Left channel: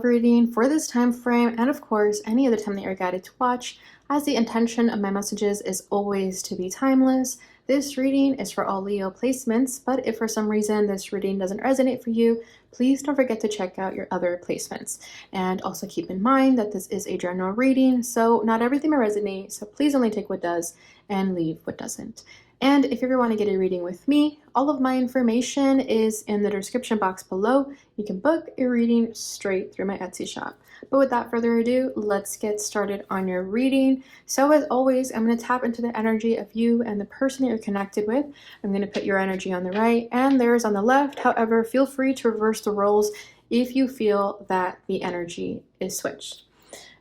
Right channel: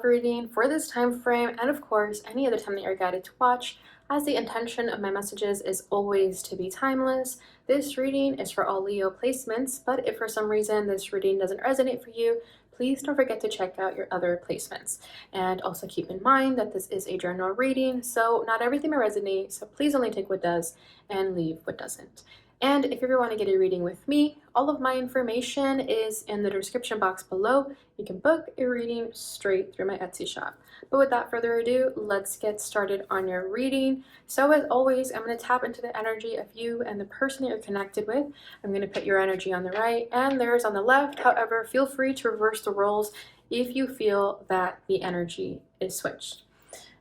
love reading for this time frame, and of course any other time that you're guided to watch, as the intention of my messages is always to be timeless. This reading is for all Leo placements, but if for some reason this reading doesn't resonate for you, please don't forget to check out your other placements. And also keep in mind that this is a general reading, so not everything will resonate, so please only take what does and leave what doesn't. And if you ever want to get a reading with me, all of my information is in the description box below. You can book a reading straight through my Etsy shop. But without further ado, let's get started on your reading. So as always, I'm going to tap into the energy of you and the person that you're connected with. I'm going to put your energy on the right and theirs on the left. However, feel free to reverse the roles if you feel that the energy is switched.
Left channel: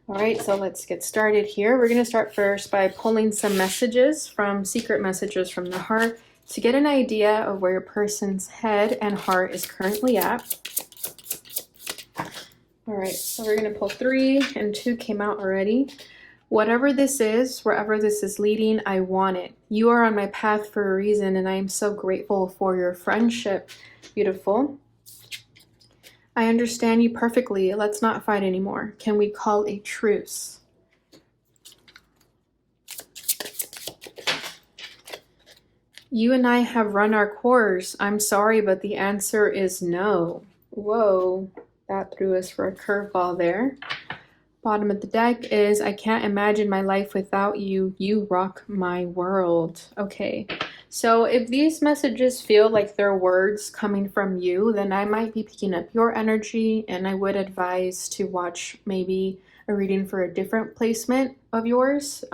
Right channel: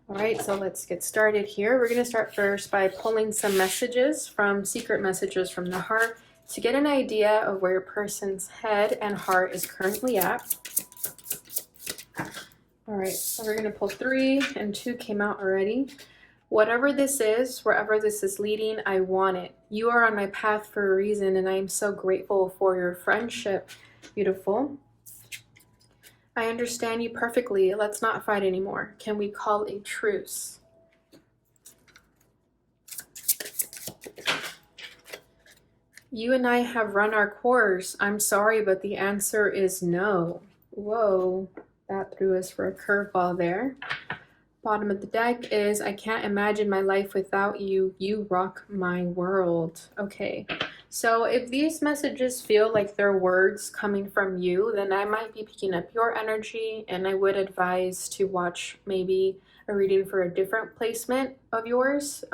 All right, so let's get started here. We're going to start first by pulling some messages from Secret Messages from the Heart to get an idea of where your person's head and heart is currently at. All right, so we're going to pull 3 and 2 came out already. Whatever this is, wherever this is leading, I want it. You are on my path for a reason, and I am so grateful for your friendship. Beautiful. I understand you perfectly. Let's not fight anymore. Can we call a truce? You and I have run our course. I'm sorry, but the answer is no. Whoa, that threw us for a curveball there. Bottom of the deck is, I can't imagine my life without you. You rock my world. Okay. So if these messages feel like they're words coming from you, then I might be picking up your energy, and I would advise to watch maybe a reading for a different placement of yours.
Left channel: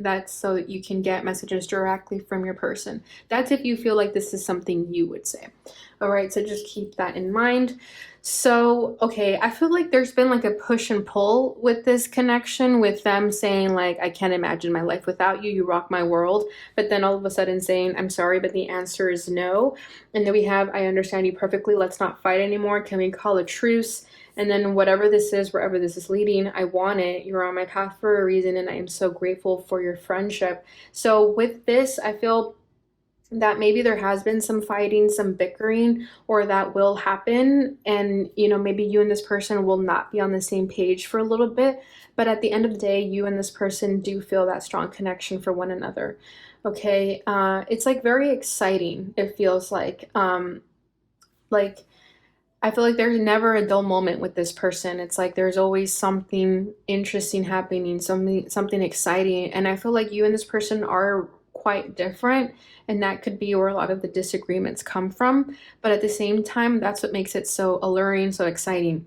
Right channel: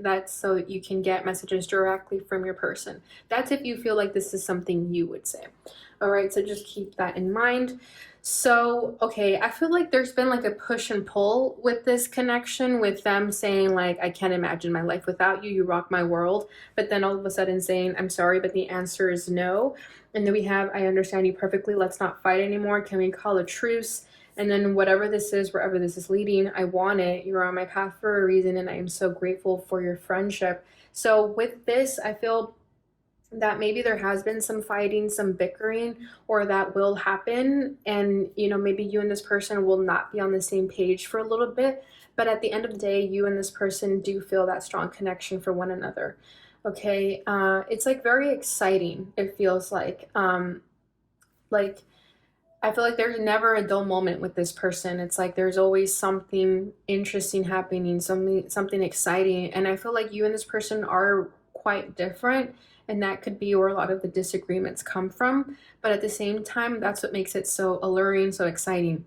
That's so that you can get messages directly from your person. That's if you feel like this is something you would say. All right, so just keep that in mind. So, okay, I feel like there's been like a push and pull with this connection, with them saying like, I can't imagine my life without you, you rock my world, but then all of a sudden saying, I'm sorry, but the answer is no. And then we have, I understand you perfectly, let's not fight anymore, can we call a truce? And then whatever this is, wherever this is leading, I want it. You're on my path for a reason, and I am so grateful for your friendship. So with this, I feel that maybe there has been some fighting, some bickering, or that will happen. And, you know, maybe you and this person will not be on the same page for a little bit. But at the end of the day, you and this person do feel that strong connection for one another. Okay. It's like very exciting. It feels like I feel like there's never a dull moment with this person. It's like there's always something interesting happening, something exciting. And I feel like you and this person are quite different, and that could be where a lot of the disagreements come from. But at the same time, that's what makes it so alluring, so exciting.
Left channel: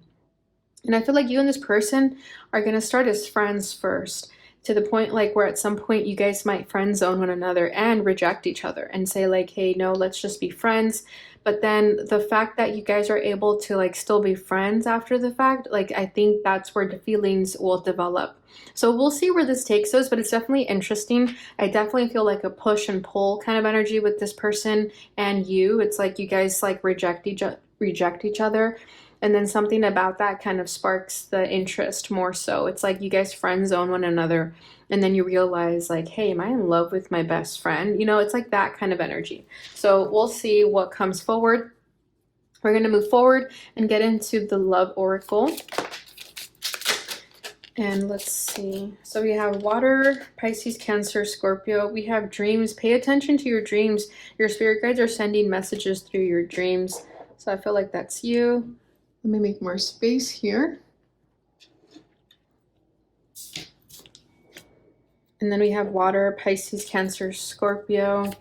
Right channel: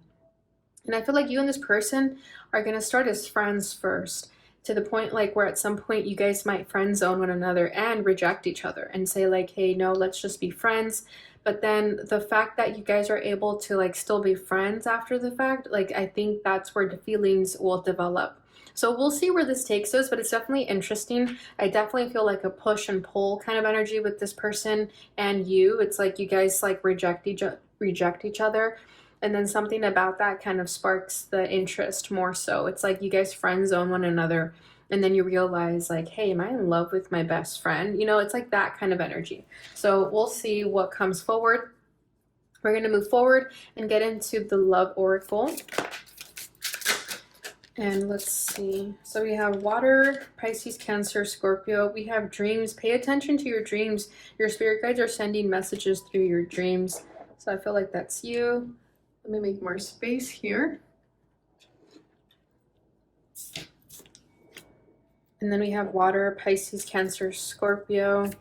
And I feel like you and this person are going to start as friends first, to the point like where at some point you guys might friend zone one another and reject each other and say like, hey, no, let's just be friends. But then the fact that you guys are able to like still be friends after the fact, like I think that's where the feelings will develop. So we'll see where this takes us, but it's definitely interesting. I definitely feel like a push and pull kind of energy with this person and you. It's like you guys like reject each other. And then something about that kind of sparks the interest more so. It's like you guys friend zone one another, and then you realize like, hey, am I in love with my best friend? You know, it's like that kind of energy. So we'll see what comes forward. We're going to move forward and get into the love oracle. And let's see. So we have water, Pisces, Cancer, Scorpio. We have dreams. Pay attention to your dreams. Your spirit guides are sending messages through your dreams. So I feel like that's you. Let me make more space here. And then we have water, Pisces, Cancer, Scorpio.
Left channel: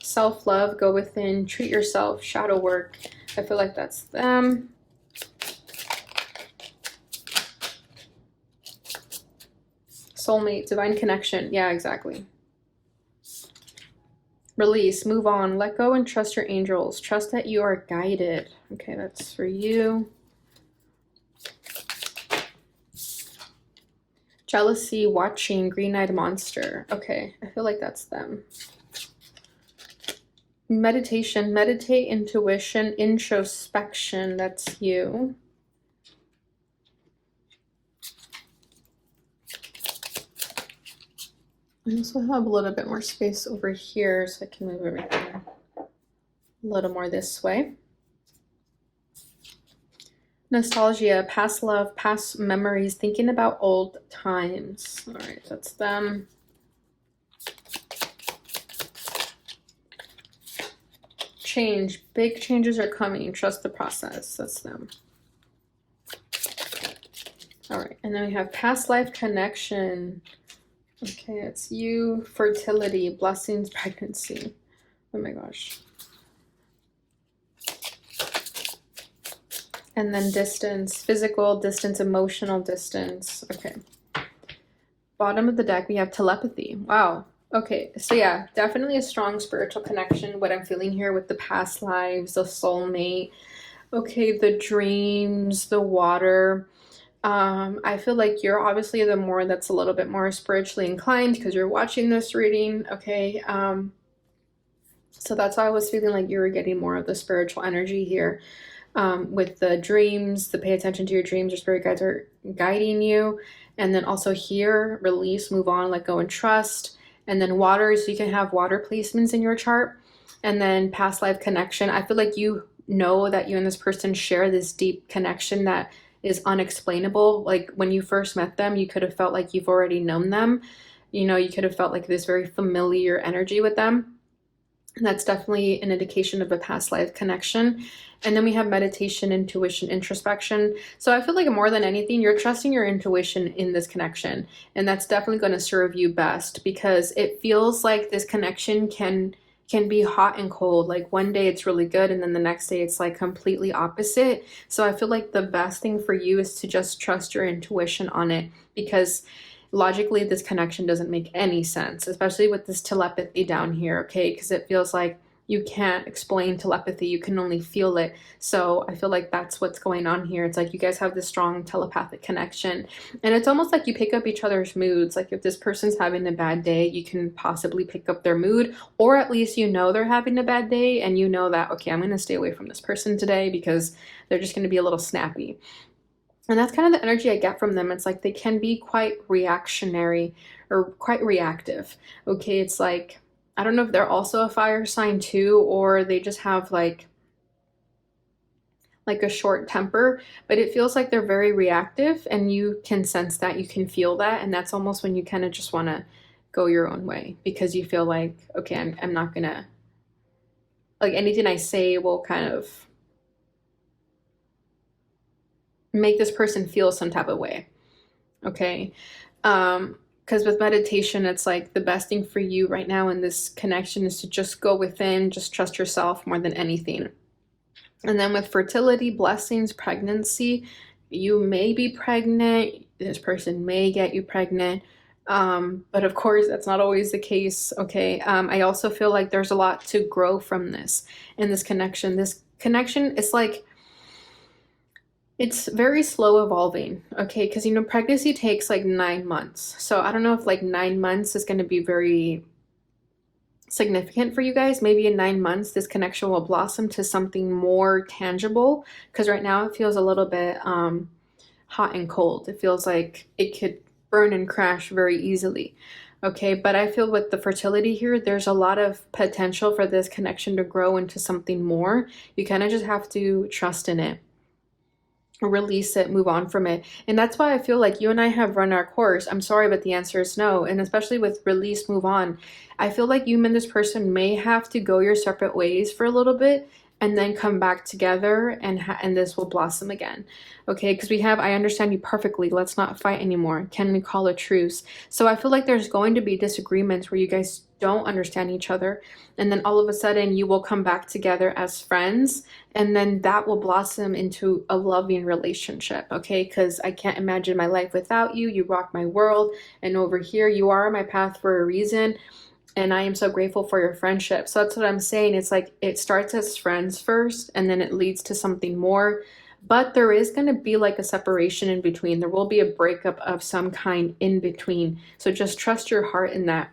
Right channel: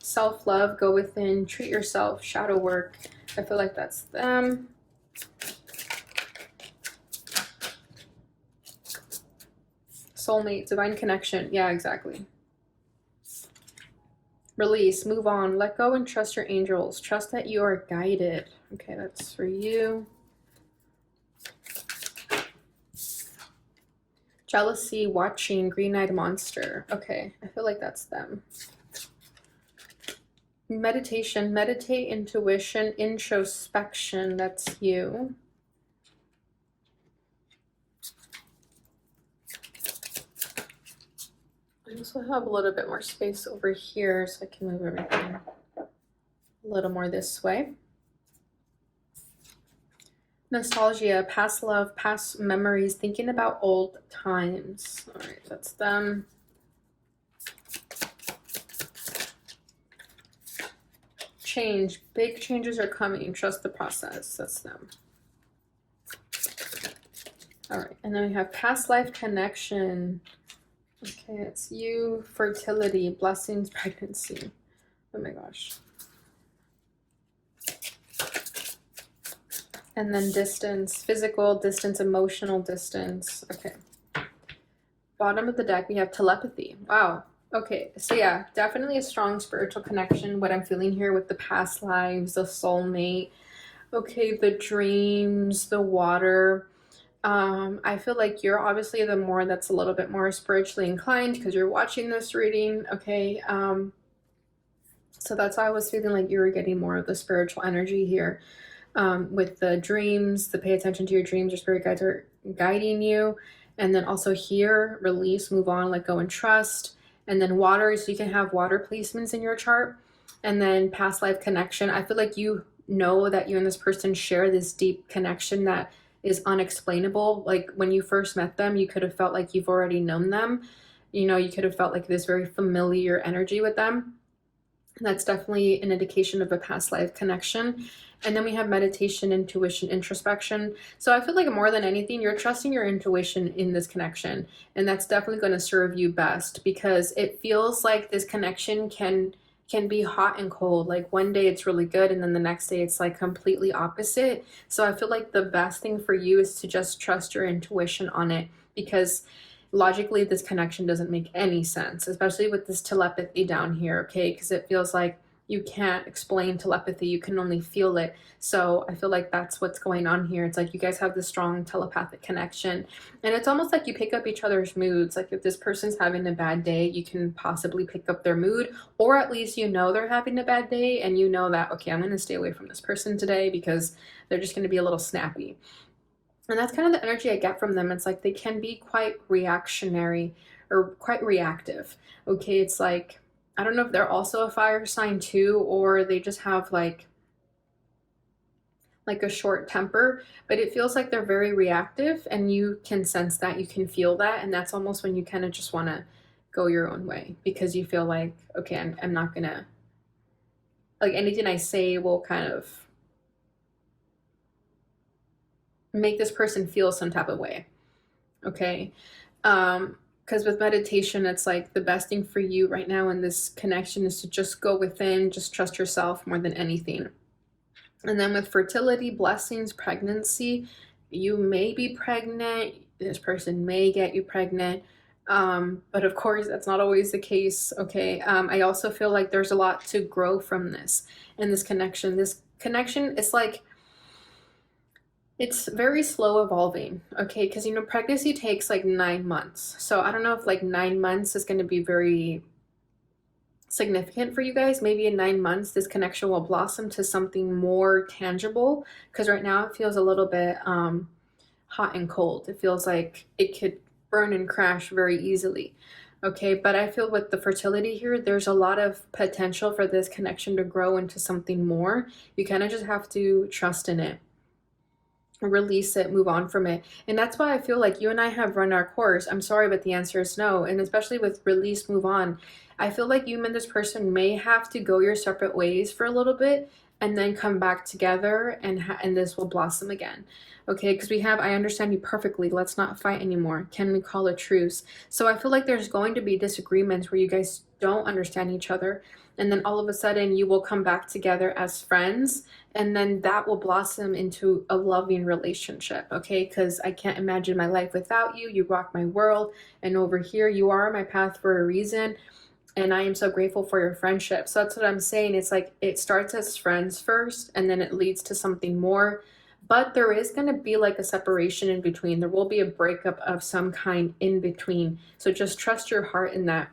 Self-love, go within, treat yourself, shadow work. I feel like that's them. Soulmate, divine connection. Yeah, exactly. Release, move on, let go and trust your angels. Trust that you are guided. Okay, that's for you. Jealousy, watching, green-eyed monster. Okay, I feel like that's them. Meditation, meditate, intuition, introspection. That's you. I also have a little bit more space over here so I can move everything a little more this way. Nostalgia, past love, past memories, thinking about old times. All right, that's them. Change, big changes are coming. Trust the process. That's them. All right, and then we have past life connection. Okay, it's you, fertility, blessings, pregnancy. Oh my gosh. And then distance, physical distance, emotional distance. Okay. Bottom of the deck, we have telepathy. Wow. Okay, so yeah, definitely a strong spiritual connection. What I'm feeling here with the past lives, the soulmate. Okay, the dreams, the water. I feel like you're obviously the more that's a little bit more spiritually inclined because you're watching this reading. Okay. So that's why I was feeling like you were getting more of the spiritual energy here. With the dreams, the pay attention to your dreams, your spirit guides are guiding you. And then also here, release, move on, let go, and trust. And then water, so you can have water placements in your chart. And then past life connection. I feel like you know that you and this person share this deep connection that is unexplainable. Like when you first met them, you could have felt like you've already known them. You know, you could have felt like this very familiar energy with them. And that's definitely an indication of a past life connection. And then we have meditation, intuition, introspection. So I feel like more than anything, you're trusting your intuition in this connection. And that's definitely going to serve you best because it feels like this connection can be hot and cold. Like one day it's really good and then the next day it's like completely opposite. So I feel like the best thing for you is to just trust your intuition on it because logically this connection doesn't make any sense, especially with this telepathy down here, okay? Because it feels like you can't explain telepathy, you can only feel it. So I feel like that's what's going on here. It's like you guys have this strong telepathic connection, and it's almost like you pick up each other's moods. Like if this person's having a bad day, you can possibly pick up their mood, or at least you know they're having a bad day and you know that, okay, I'm going to stay away from this person today because they're just going to be a little snappy. And that's kind of the energy I get from them. It's like they can be quite reactionary or quite reactive. Okay, it's like, I don't know if they're also a fire sign too, or they just have like a short temper, but it feels like they're very reactive and you can sense that, you can feel that. And that's almost when you kind of just want to go your own way because you feel like, okay, I'm not gonna, like anything I say will kind of make this person feel some type of way. Okay. Because with meditation, it's like the best thing for you right now in this connection is to just go within, just trust yourself more than anything. And then with fertility, blessings, pregnancy, you may be pregnant, this person may get you pregnant. But of course, that's not always the case. Okay. I also feel like there's a lot to grow from this and this connection. This connection is like, it's very slow evolving, okay? Because, you know, pregnancy takes like 9 months. So I don't know if like 9 months is going to be very significant for you guys. Maybe in 9 months, this connection will blossom to something more tangible. Because right now it feels a little bit hot and cold. It feels like it could burn and crash very easily. Okay, but I feel with the fertility here, there's a lot of potential for this connection to grow into something more. You kind of just have to trust in it, release it, move on from it. And that's why I feel like you and I have run our course. I'm sorry, but the answer is no. And especially with release, move on, I feel like you and this person may have to go your separate ways for a little bit and then come back together, and this will blossom again. Okay, because I understand you perfectly. Let's not fight anymore. Can we call a truce? So I feel like there's going to be disagreements where you guys don't understand each other, and then all of a sudden you will come back together as friends, and then that will blossom into a loving relationship. Okay, because I can't imagine my life without you. You rock my world, and over here you are on my path for a reason, and I am so grateful for your friendship. So that's what I'm saying. It's like it starts as friends first and then it leads to something more, but there is going to be like a separation in between. There will be a breakup of some kind in between. So just trust your heart in that.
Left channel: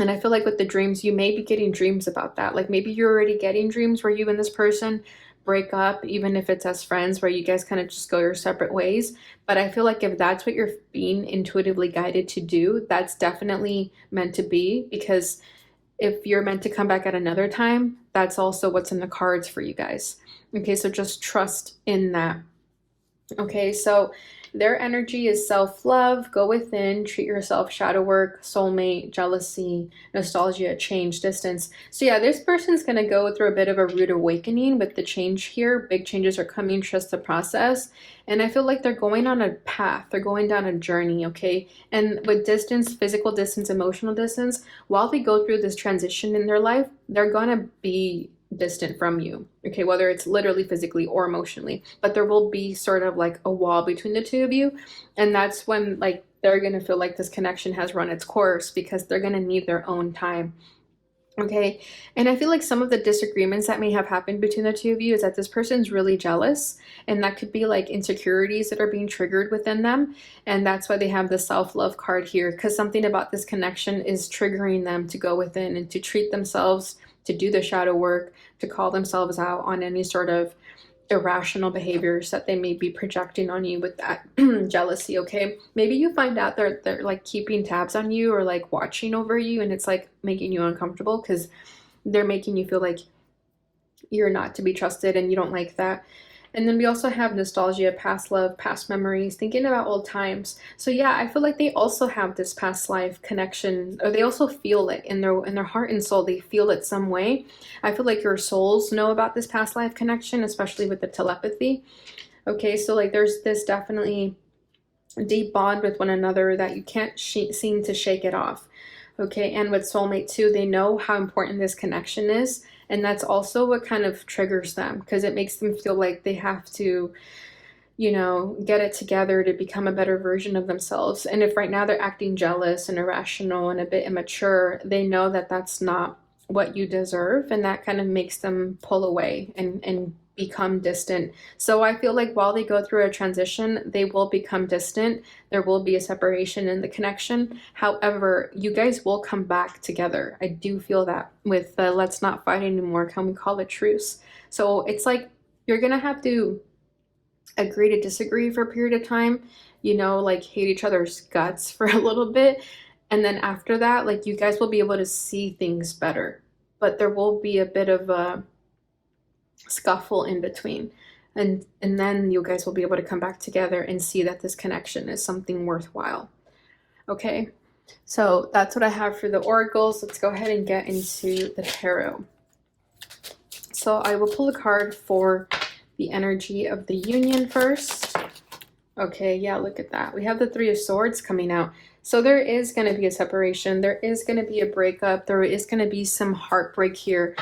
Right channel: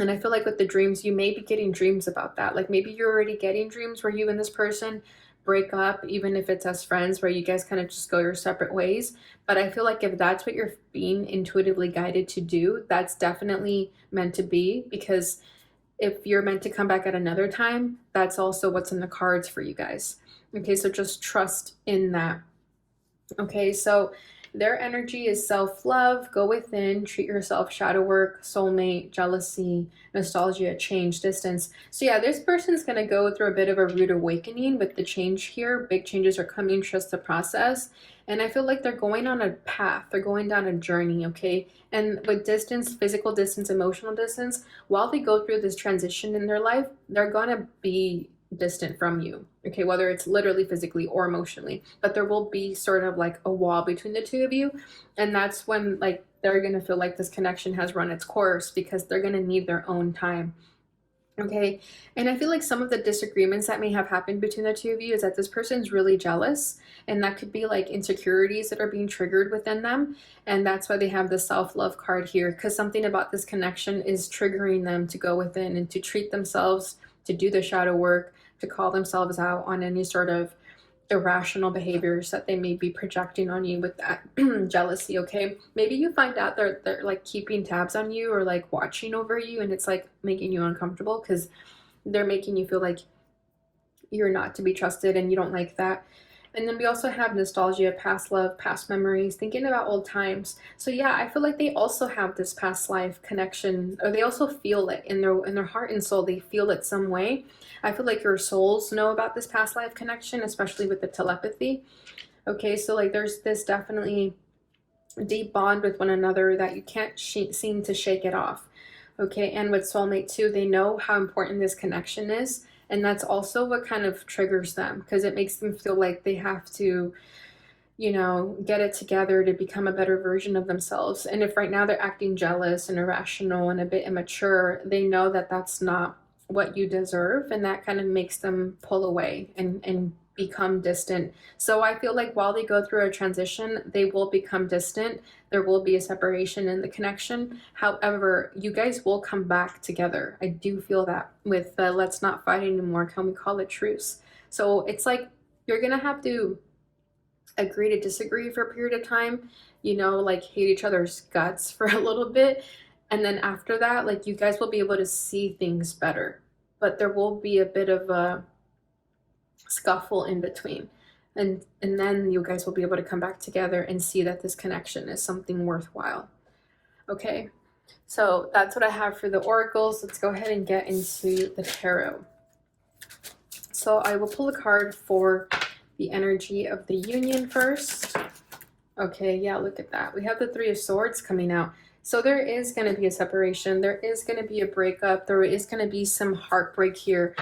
And I feel like with the dreams, you may be getting dreams about that. Like maybe you're already getting dreams where you and this person break up, even if it's as friends, where you guys kind of just go your separate ways. But I feel like if that's what you're being intuitively guided to do, that's definitely meant to be, because if you're meant to come back at another time, that's also what's in the cards for you guys. Okay, so just trust in that. Okay, so their energy is self-love, go within, treat yourself, shadow work, soulmate, jealousy, nostalgia, change, distance. So yeah, this person's going to go through a bit of a rude awakening with the change here. Big changes are coming, trust the process. And I feel like they're going on a path, they're going down a journey, okay? And with distance, physical distance, emotional distance, while they go through this transition in their life, they're going to be distant from you, okay, whether it's literally physically or emotionally, but there will be sort of like a wall between the two of you. And that's when like they're going to feel like this connection has run its course because they're going to need their own time. Okay. And I feel like some of the disagreements that may have happened between the two of you is that this person's really jealous. And that could be like insecurities that are being triggered within them. And that's why they have the self love card here, because something about this connection is triggering them to go within and to treat themselves, to do the shadow work, to call themselves out on any sort of irrational behaviors that they may be projecting on you with that jealousy. Okay, maybe you find out they're like keeping tabs on you or like watching over you, and it's like making you uncomfortable because they're making you feel like you're not to be trusted and you don't like that. And then we also have nostalgia, past love, past memories, thinking about old times. So yeah, I feel like they also have this past life connection, or they also feel it in their heart and soul. They feel it some way. I feel like your souls know about this past life connection, especially with the telepathy. Okay, so like there's this definitely deep bond with one another that you can't seem to shake it off. Okay, and with soulmate too, they know how important this connection is, and that's also what kind of triggers them because it makes them feel like they have to, you know, get it together to become a better version of themselves. And if right now they're acting jealous and irrational and a bit immature, they know that that's not what you deserve, and that kind of makes them pull away and become distant. So I feel like while they go through a transition, they will become distant. There will be a separation in the connection. However, you guys will come back together. I do feel that with the let's not fight anymore, can we call it truce? So it's like you're gonna have to agree to disagree for a period of time, you know, like hate each other's guts for a little bit. And then after that, like you guys will be able to see things better. But there will be a bit of a scuffle in between. And then you guys will be able to come back together and see that this connection is something worthwhile. Okay. So that's what I have for the oracles. Let's go ahead and get into the tarot. So I will pull a card for the energy of the union first. Okay, yeah, look at that. We have the Three of Swords coming out. So there is going to be a separation. There is going to be a breakup. There is going to be some heartbreak here.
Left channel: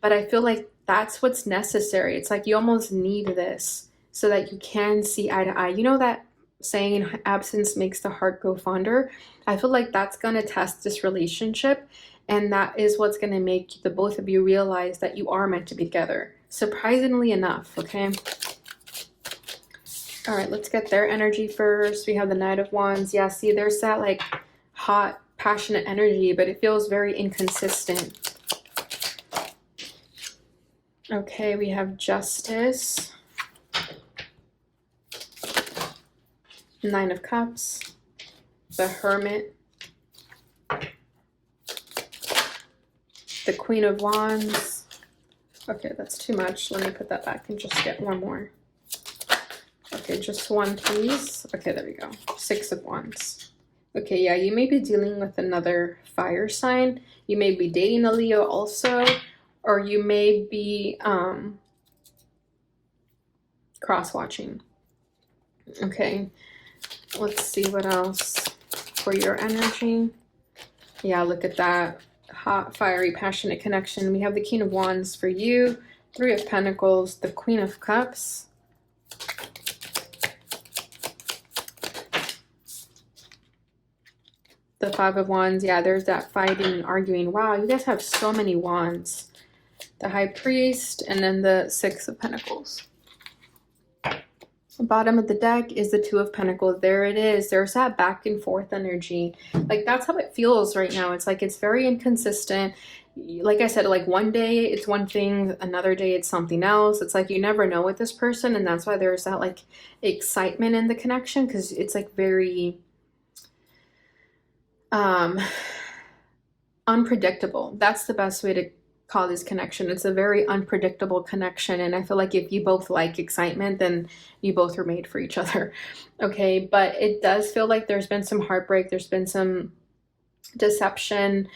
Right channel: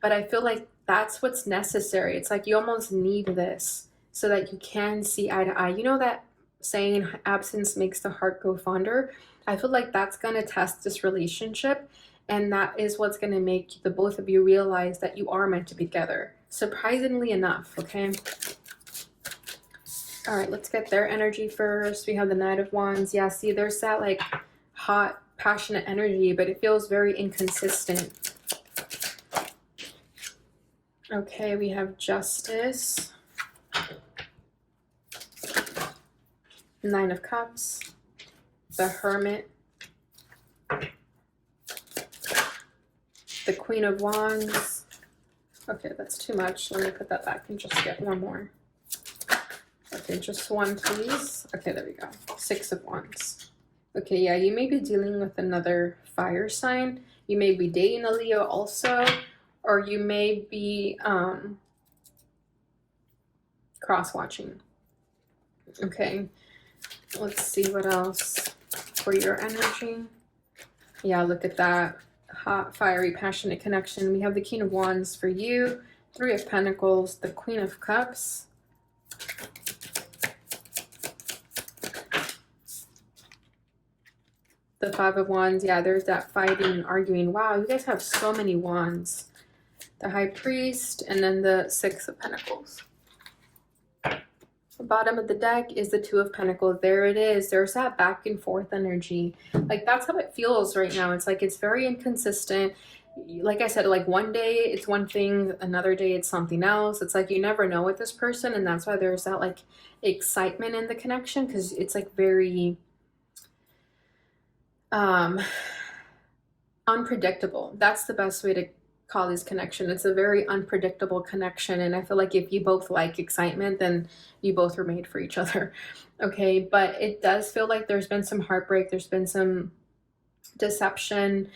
But I feel like that's what's necessary. It's like you almost need this so that you can see eye to eye. You know that saying, absence makes the heart go fonder? I feel like that's going to test this relationship. And that is what's going to make the both of you realize that you are meant to be together. Surprisingly enough, okay? All right, let's get their energy first. We have the Knight of Wands. Yeah, see, there's that like hot, passionate energy, but it feels very inconsistent. Okay, we have Justice. Nine of Cups. The Hermit. The Queen of Wands. Okay, that's too much. Let me put that back and just get one more. Okay, just one, please. Okay, there we go. Six of Wands. Okay, yeah, you may be dealing with another fire sign. You may be dating a Leo also, or you may be cross-watching. Okay, let's see what else for your energy. Yeah, look at that. Hot, fiery, passionate connection. We have the King of Wands for you. Three of Pentacles. The Queen of Cups. The Five of Wands. Yeah, there's that fighting, arguing. Wow, you guys have so many wands. The High Priest, and then the Six of Pentacles. The bottom of the deck is the Two of Pentacles. There it is. There's that back and forth energy. Like, that's how it feels right now. It's like it's very inconsistent. Like I said, like one day it's one thing, another day it's something else. It's like you never know with this person, and that's why there's that like excitement in the connection, because it's like very unpredictable. That's the best way to call this connection. It's a very unpredictable connection, and I feel like if you both like excitement, then you both were made for each other. Okay, but it does feel like there's been some heartbreak, there's been some deception.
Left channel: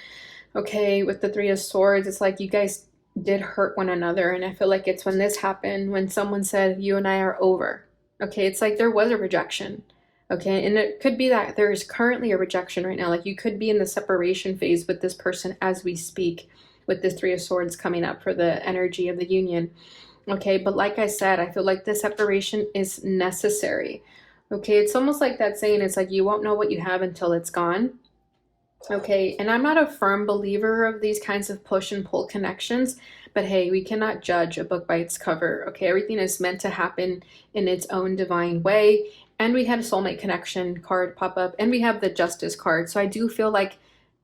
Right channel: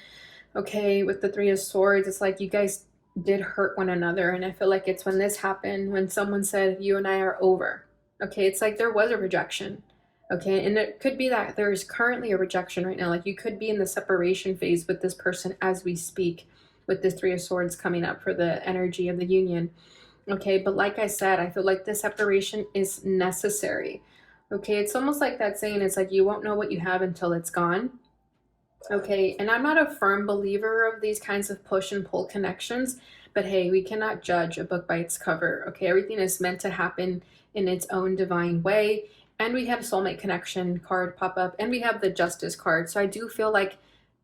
Okay, with the Three of Swords, it's like you guys did hurt one another, and I feel like it's when this happened, when someone said you and I are over. Okay, it's like there was a rejection. Okay, and it could be that there is currently a rejection right now. Like you could be in the separation phase with this person as we speak, with this Three of Swords coming up for the energy of the union. Okay, but like I said, I feel like the separation is necessary. Okay, it's almost like that saying, it's like you won't know what you have until it's gone. Okay, and I'm not a firm believer of these kinds of push and pull connections, but hey, we cannot judge a book by its cover. Okay, everything is meant to happen in its own divine way. And we had a soulmate connection card pop up, and we have the Justice card. So I do feel like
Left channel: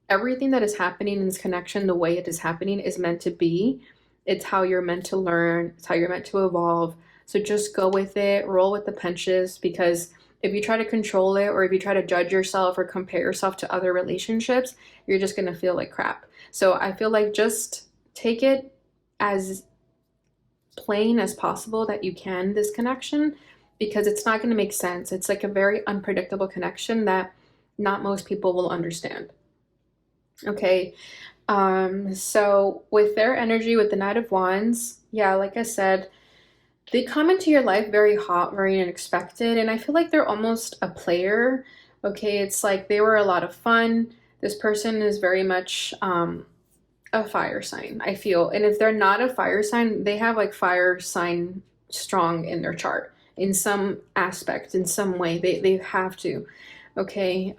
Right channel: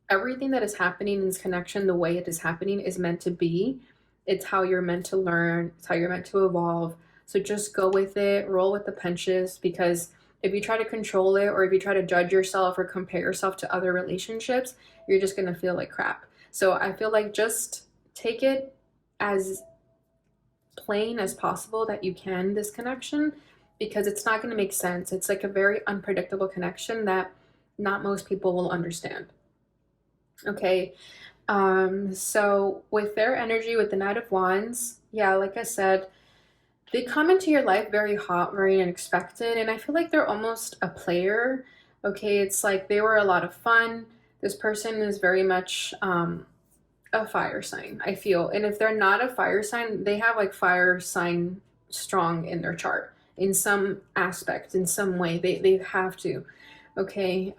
everything that is happening in this connection, the way it is happening, is meant to be. It's how you're meant to learn, it's how you're meant to evolve. So just go with it, roll with the punches, because if you try to control it, or if you try to judge yourself or compare yourself to other relationships, you're just going to feel like crap. So I feel like just take it as plain as possible that you can, this connection, because it's not going to make sense. It's like a very unpredictable connection that not most people will understand. Okay, so with their energy, with the Knight of Wands, yeah, like I said, they come into your life very hot, very unexpected, and I feel like they're almost a player. Okay, it's like they were a lot of fun. This person is very much a fire sign, I feel. And if they're not a fire sign, they have like fire sign strong in their chart in some aspect, in some way. They have to. Okay.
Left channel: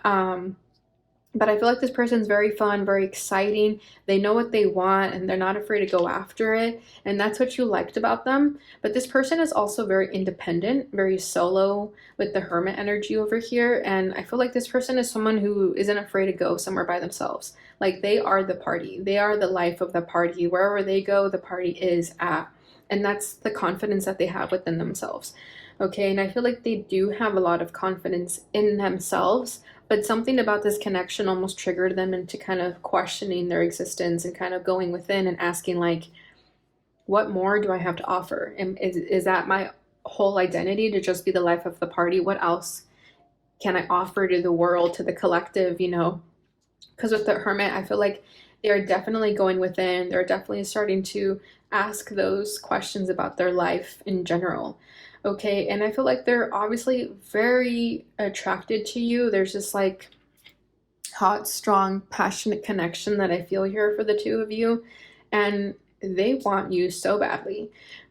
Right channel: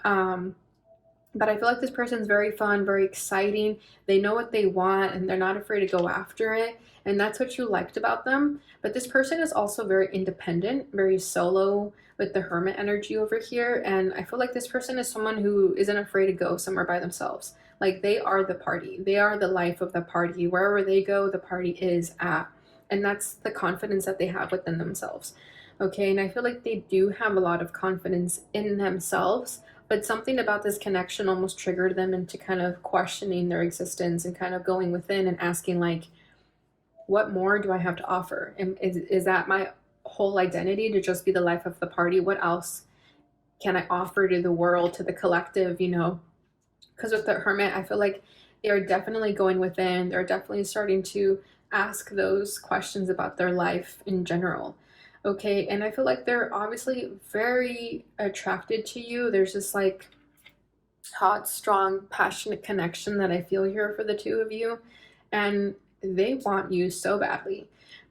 But I feel like this person's very fun, very exciting. They know what they want and they're not afraid to go after it. And that's what you liked about them. But this person is also very independent, very solo, with the Hermit energy over here. And I feel like this person is someone who isn't afraid to go somewhere by themselves. Like they are the party. They are the life of the party. Wherever they go, the party is at. And that's the confidence that they have within themselves. Okay, and I feel like they do have a lot of confidence in themselves, but something about this connection almost triggered them into kind of questioning their existence and kind of going within and asking, like, what more do I have to offer? And is that my whole identity, to just be the life of the party? What else can I offer to the world, to the collective, you know? Because with the Hermit, I feel like they're definitely going within. They're definitely starting to ask those questions about their life in general. Okay, and I feel like they're obviously very attracted to you. There's this like hot, strong, passionate connection that I feel here for the two of you, and they want you so badly.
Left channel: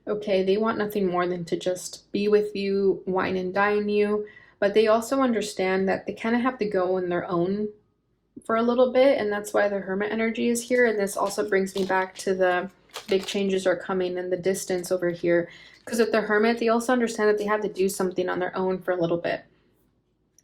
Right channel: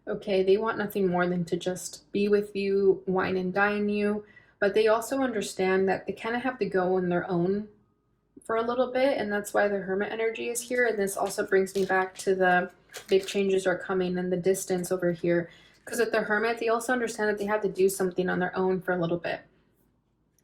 Okay, they want nothing more than to just be with you, wine and dine you, but they also understand that they kind of have to go on their own for a little bit, and that's why the Hermit energy is here. And this also brings me back to the big changes are coming in the distance over here, because with the Hermit, they also understand that they have to do something on their own for a little bit.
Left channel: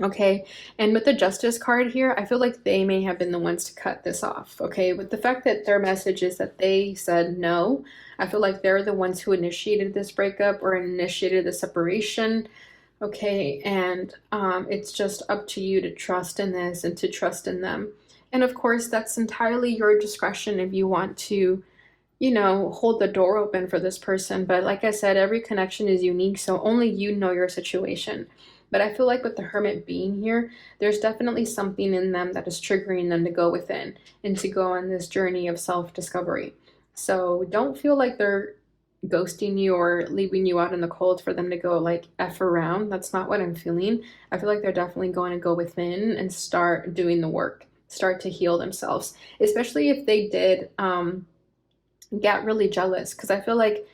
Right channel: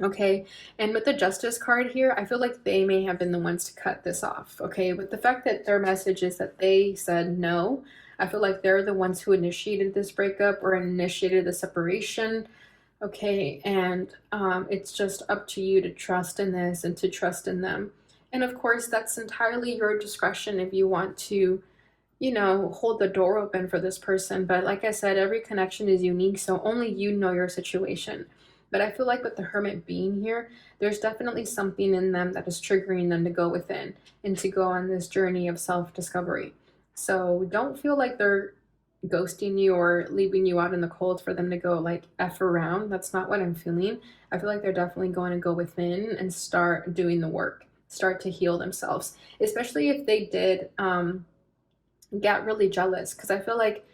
Okay, and with the Justice card here, I feel like they may have been the ones to cut this off. Okay, with the fact that their message is that they said no, I feel like they're the ones who initiated this breakup or initiated the separation. Okay, and it's just up to you to trust in this and to trust in them. And of course, that's entirely your discretion if you want to, you know, hold the door open for this person. But like I said, every connection is unique, so only you know your situation. But I feel like with the Hermit being here, there's definitely something in them that is triggering them to go within and to go on this journey of self-discovery. So don't feel like they're ghosting you or leaving you out in the cold for them to go like F around. That's not what I'm feeling. I feel like they're definitely going to go within and start doing the work, start to heal themselves, especially if they did get really jealous, because I feel like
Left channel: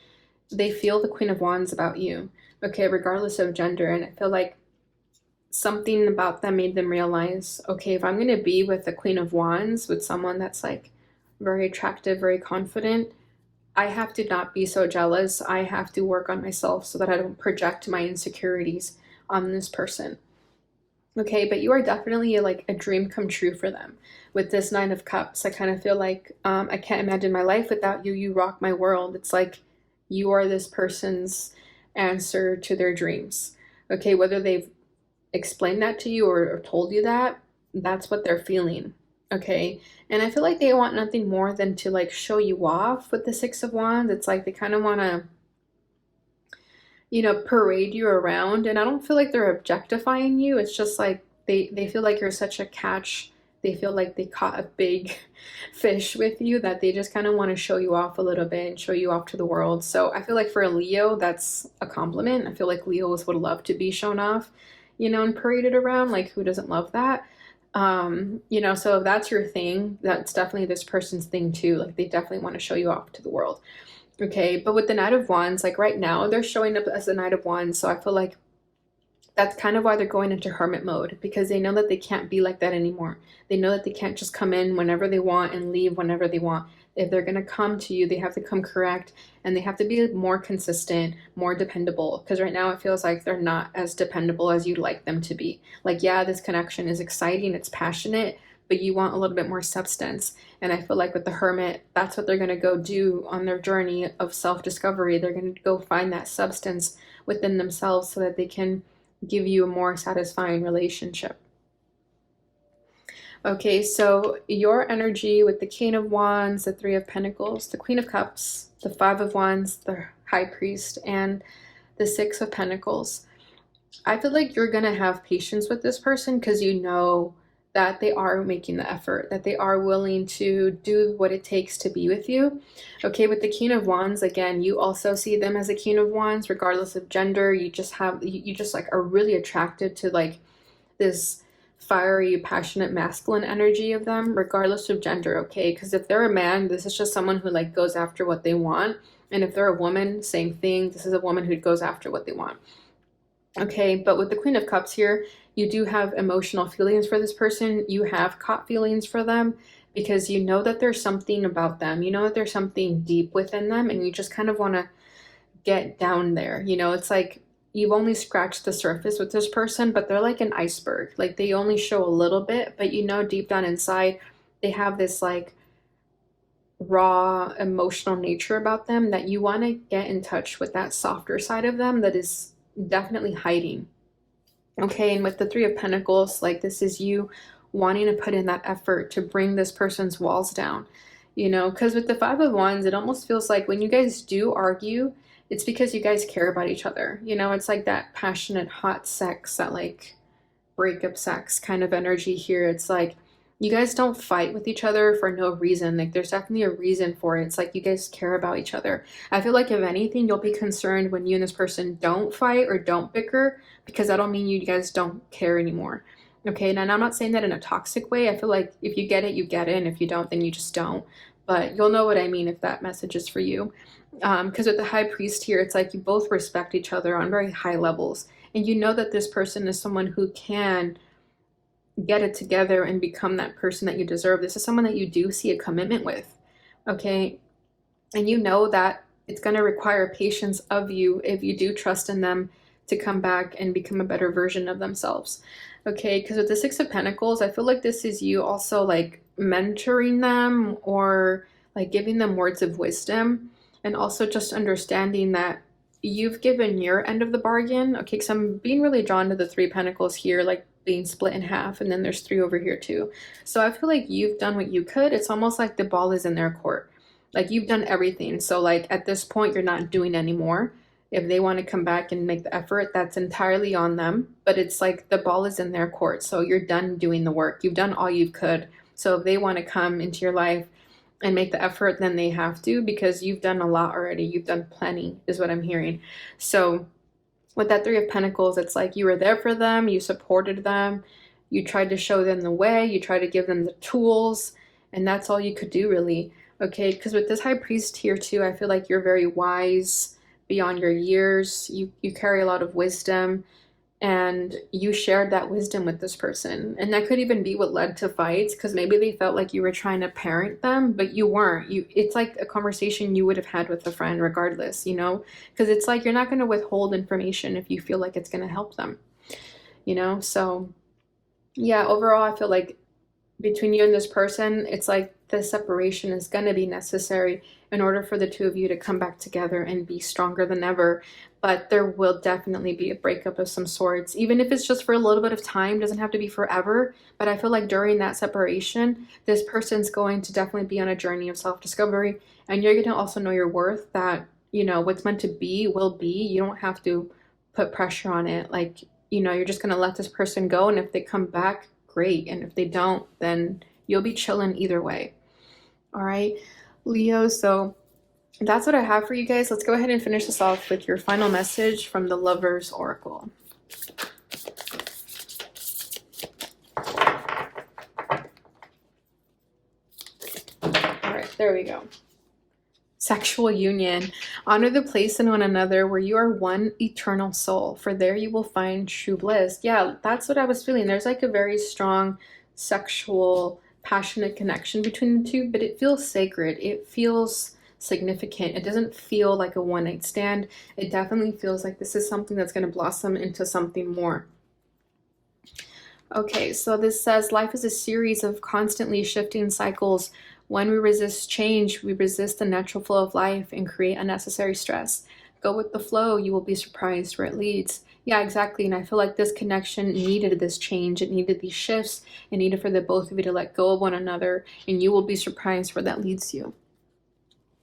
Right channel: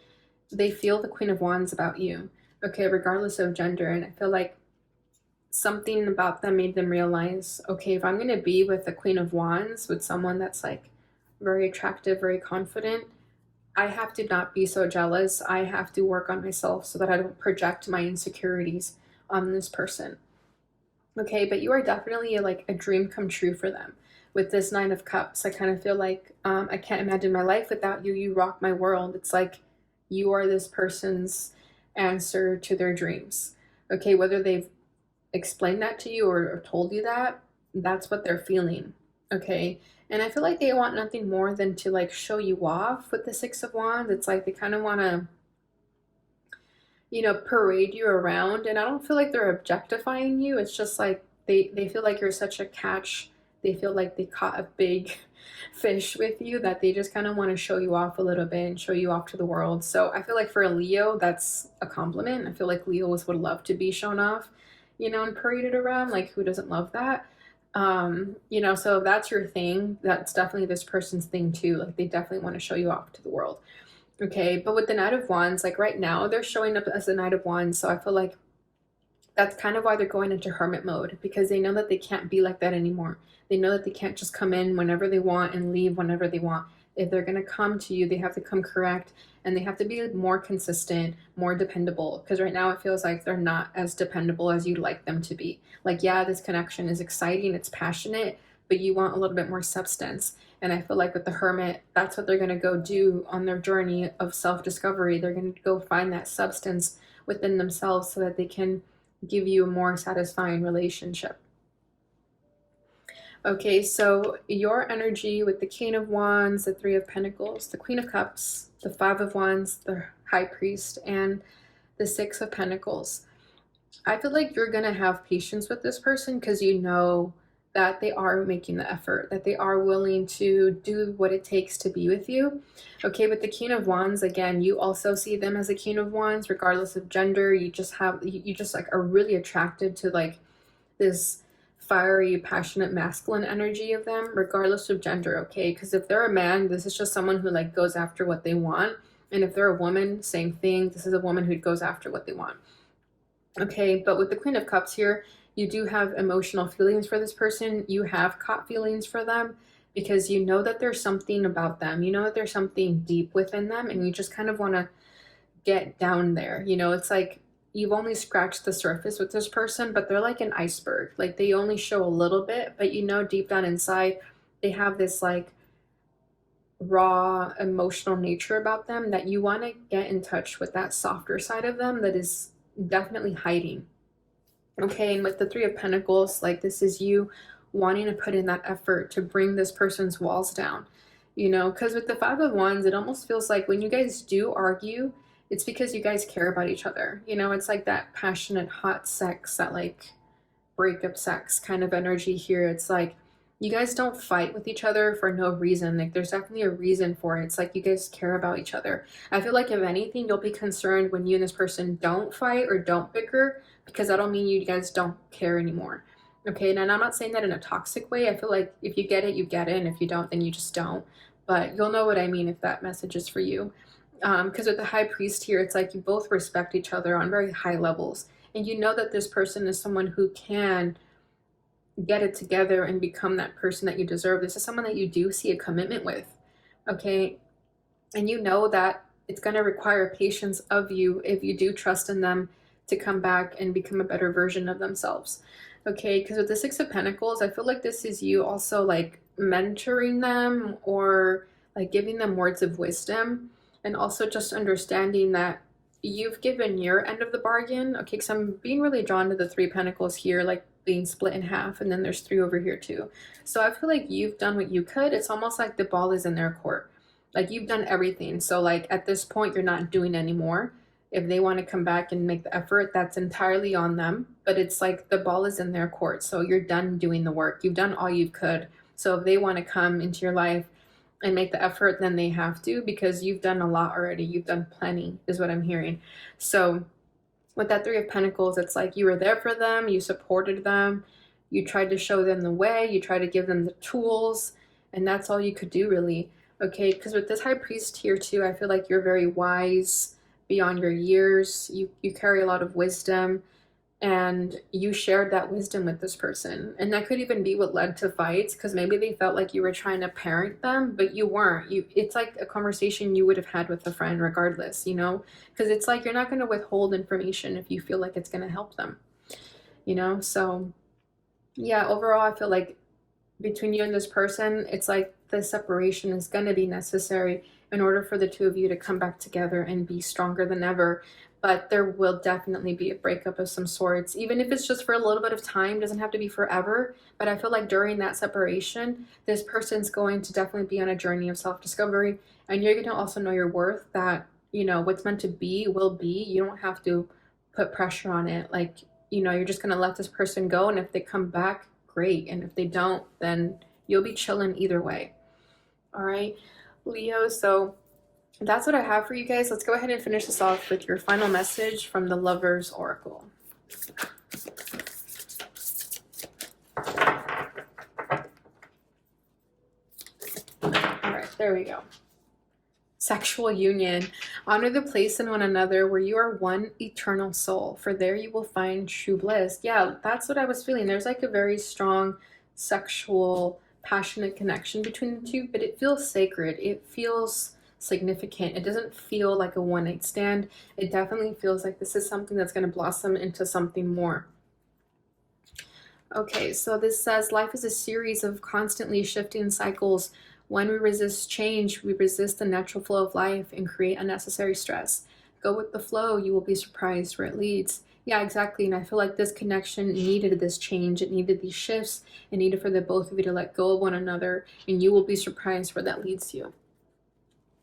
they feel the Queen of Wands about you, okay, regardless of gender. And I feel like something about them made them realize, okay, if I'm going to be with the Queen of Wands, with someone that's like very attractive, very confident, I have to not be so jealous. I have to work on myself so that I don't project my insecurities on this person. Okay, but you are definitely like a dream come true for them. With this Nine of Cups, I kind of feel like I can't imagine my life without you. You rock my world. It's like you are this person's answer to their dreams. Okay, whether they've explained that to you or told you that, that's what they're feeling. Okay. And I feel like they want nothing more than to like show you off with the Six of Wands. It's like they kind of want to, parade you around. And I don't feel like they're objectifying you. It's just like they feel like you're such a catch. They feel like they caught a big fish with you that they just kind of want to show you off a little bit and show you off to the world. So I feel like for a Leo, that's a compliment. I feel like Leos would love to be shown off, and paraded around. Like, who doesn't love that? So if that's your thing, that's definitely this person's thing too. Like, they definitely want to show you off to the world. Okay, but with the Knight of Wands, like right now, they're showing up as the Knight of Wands. So I feel like that's kind of why they're going into hermit mode, because they know that they can't be like that anymore. They know that they can't just come in whenever they want and leave whenever they want. If they're going to come to you, they have to come correct, and they have to be more consistent, more dependable, because right now it feels like they're not as dependable as you'd like them to be. Like, yeah, this connection is exciting, it's passionate, but you want a little bit more substance. And I feel like with the hermit, that's what they're going to go do on their journey of self-discovery. They're going to go find that substance within themselves so that they can give you a more satisfying relationship. Okay, so your energy with the King of Wands, the Three of Pentacles, the Queen of Cups, the Five of Wands, the High Priest, and the Six of Pentacles. I feel like you're going to have patience with this person because you know that they are making the effort, that they are willing to do what it takes to be with you. Okay, with the King of Wands, again, you also see them as a King of Wands, regardless of gender. You just like are really attracted to like this fiery, passionate, masculine energy of them, regardless of gender. Okay, because if they're a man, this is just someone who like goes after what they want. And if they're a woman, same thing. This is a woman who goes after what they want. Okay, but with the Queen of Cups here, you do have emotional feelings for this person. You have caught feelings for them because you know that there's something about them. You know that there's something deep within them, and you just kind of want to get down there. It's like you've only scratched the surface with this person, but they're like an iceberg. Like, they only show a little bit, but deep down inside, they have this like raw emotional nature about them that you want to get in touch with, that softer side of them that is definitely hiding. Okay, and with the Three of Pentacles, like, this is you wanting to put in that effort to bring this person's walls down, because with the Five of Wands, it almost feels like when you guys do argue, it's because you guys care about each other. It's like that passionate, hot sex, that like breakup sex kind of energy here. It's like you guys don't fight with each other for no reason. Like, there's definitely a reason for it. It's like you guys care about each other. I feel like if anything, you'll be concerned when you and this person don't fight or don't bicker, because that'll mean you guys don't care anymore. Okay, and I'm not saying that in a toxic way. I feel like if you get it, you get it, and if you don't, then you just don't. But you'll know what I mean if that message is for you. Because with the High Priest here, it's like you both respect each other on very high levels, and you know that this person is someone who can get it together and become that person that you deserve. This is someone that you do see a commitment with, okay? And you know that it's going to require patience of you if you do trust in them to come back and become a better version of themselves, okay? Because with the Six of Pentacles, I feel like this is you also like mentoring them or like giving them words of wisdom, and also just understanding that you've given your end of the bargain, okay? Because I'm being really drawn to the Three Pentacles here, like being split in half, and then there's three over here too. So I feel like you've done what you could. It's almost like the ball is in their court. Like, you've done everything. So like at this point, you're not doing anymore. If they want to come back and make the effort, that's entirely on them. But it's like the ball is in their court. So you're done doing the work. You've done all you could. So if they want to come into your life and make the effort, then they have to, because you've done a lot already. You've done plenty, is what I'm hearing. So with that Three of Pentacles, it's like you were there for them, you supported them, you tried to show them the way, you tried to give them the tools, and that's all you could do, really. Okay, because with this High Priest here too, I feel like you're very wise beyond your years. You carry a lot of wisdom, and you shared that wisdom with this person, and that could even be what led to fights, because maybe they felt like you were trying to parent them, but you weren't. It's like a conversation you would have had with a friend regardless, because it's like you're not going to withhold information if you feel like it's going to help them, so yeah, overall I feel like between you and this person, it's like the separation is going to be necessary in order for the two of you to come back together and be stronger than ever. But there will definitely be a breakup of some sorts, even if it's just for a little bit of time. It doesn't have to be forever, but I feel like during that separation, this person's going to definitely be on a journey of self-discovery, and you're going to also know your worth, that, you know, what's meant to be will be. You don't have to put pressure on it. Like, you know, you're just going to let this person go, and if they come back, great, and if they don't, then you'll be chilling either way. All right, Leo, so that's what I have for you guys. Let's go ahead and finish this off with your final message from the Lover's Oracle. All right, there we go. Sexual union. Honor the place in one another where you are one eternal soul, for there you will find true bliss. Yeah, that's what I was feeling. There's like a very strong sexual, passionate connection between the two, but it feels sacred. It feels significant. It doesn't feel like a one-night stand. It definitely feels like this is something that's going to blossom into something more. Okay, so this says life is a series of constantly shifting cycles. When we resist change, we resist the natural flow of life and create unnecessary stress. Go with the flow, you will be surprised where it leads. Yeah, exactly. And I feel like this connection needed this change. It needed these shifts. It needed for the both of you to let go of one another, and you will be surprised where that leads you.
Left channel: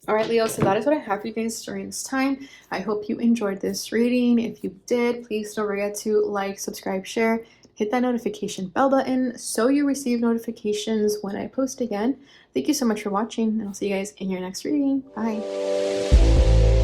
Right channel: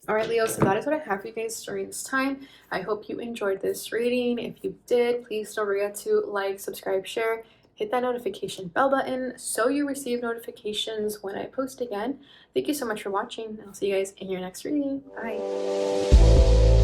All right, Leo, so that is what I have for you guys during this time. I hope you enjoyed this reading. If you did, please don't forget to like, subscribe, share, hit that notification bell button so you receive notifications when I post again. Thank you so much for watching, and I'll see you guys in your next reading. Bye.